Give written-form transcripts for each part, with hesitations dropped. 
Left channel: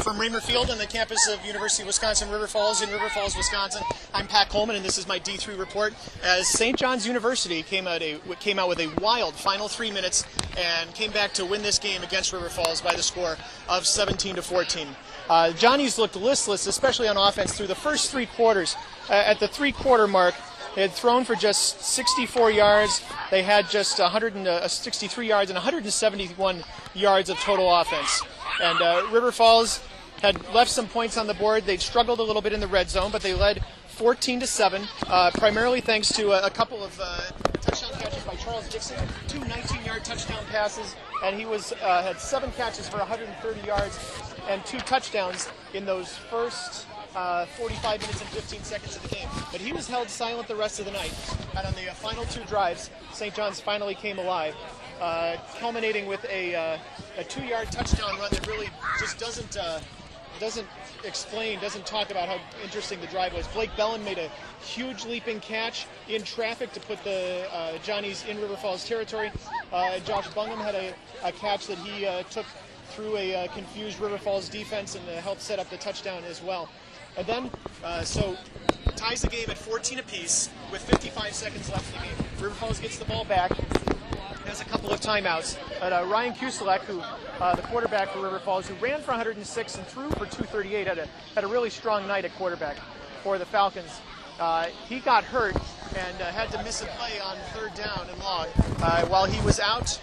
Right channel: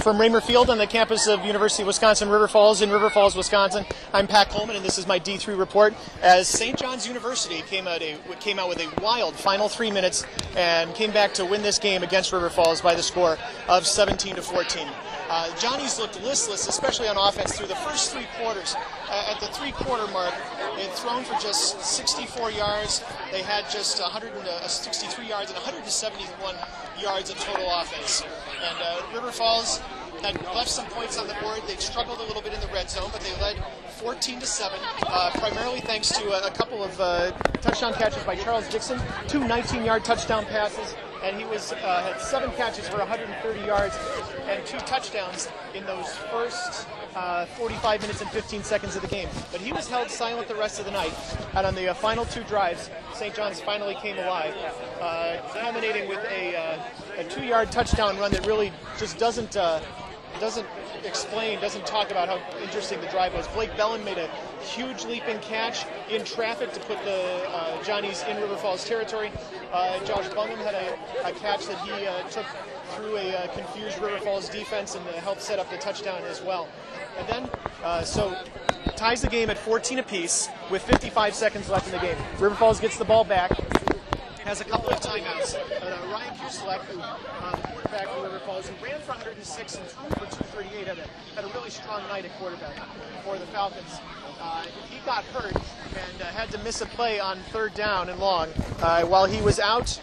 From Raymer Field on the campus of University of Wisconsin River Falls in River Falls, Wisconsin, I'm Pat Coleman, and this is my D3 report. As St. John's University came out with a wild final 3 minutes and came back to win this game against River Falls by the score of 17-14. Johnny's looked listless, especially on offense, through the first three quarters. At the three-quarter mark, they had thrown for just 64 yards. They had just 163 yards and 171 yards of total offense. And River Falls had left some points on the board. They'd struggled a little bit in the red zone, but they led 14-7, primarily thanks to a couple of touchdown catches by Charles Dixon, two 19-yard touchdown passes, and he had 7 catches for 130 yards and 2 touchdowns in those first 45 minutes and 15 seconds of the game. But he was held silent the rest of the night, and on the final 2 drives, St. John's finally came alive, culminating with a 2-yard touchdown run that really just doesn't talk about how interesting the drive was. Blake Bellin made a huge leaping catch in traffic to put the Johnnies in River Falls territory. Josh Bungham had a catch that he took through a confused River Falls defense and helped set up the touchdown as well. And then, so ties the game at 14 apiece with 55 seconds left in the game. River Falls gets the ball back, has a couple of timeouts. And Ryan Kuselek, the quarterback for River Falls, who ran for 106 and threw for 238, had a really strong night at quarterback for the Falcons. He got hurt and had to miss a play on 3rd down and long. While he was out,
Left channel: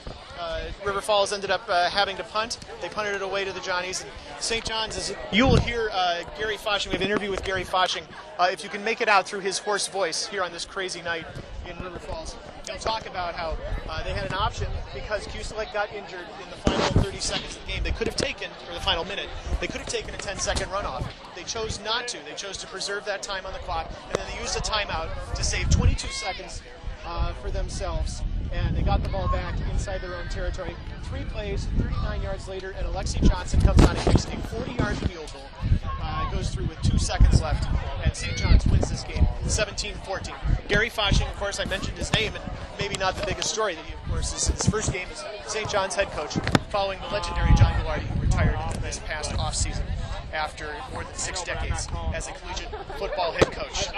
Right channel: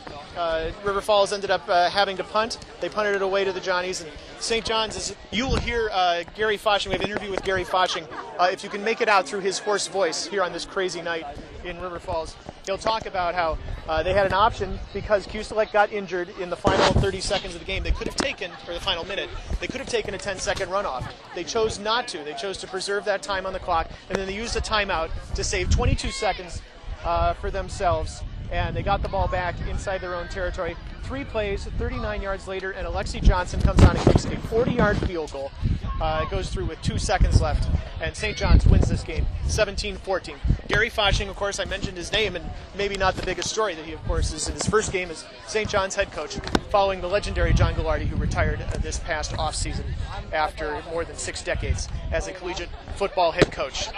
River Falls ended up having to punt. They punted it away to the Johnnies. And St. John's, as you will hear Gary Foshing, we have an interview with Gary Foshing, if you can make it out through his hoarse voice here on this crazy night in River Falls. He'll talk about how they had an option because Kuselek got injured in the final 30 seconds of the game. They could have taken, for the final minute, they could have taken a 10-second runoff. They chose not to. They chose to preserve that time on the clock, and then they used a timeout to save 22 seconds for themselves. And they got the ball back inside their own territory. 3 plays, 39 yards later, and Alexi Johnson comes on and kicks a 40-yard field goal. It goes through with 2 seconds left, and St. John's wins this game 17-14. Gary Foshing, of course, I mentioned his name, and maybe not the biggest story that he, of course, is in his first game as St. John's head coach, following the legendary John Gallardi, who retired this past offseason after more than 6 decades as a collegiate football head coach.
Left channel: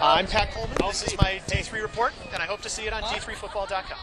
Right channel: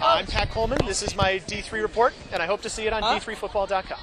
I'm Pat Coleman. This is my D3 report, and I hope to see it on D3football.com.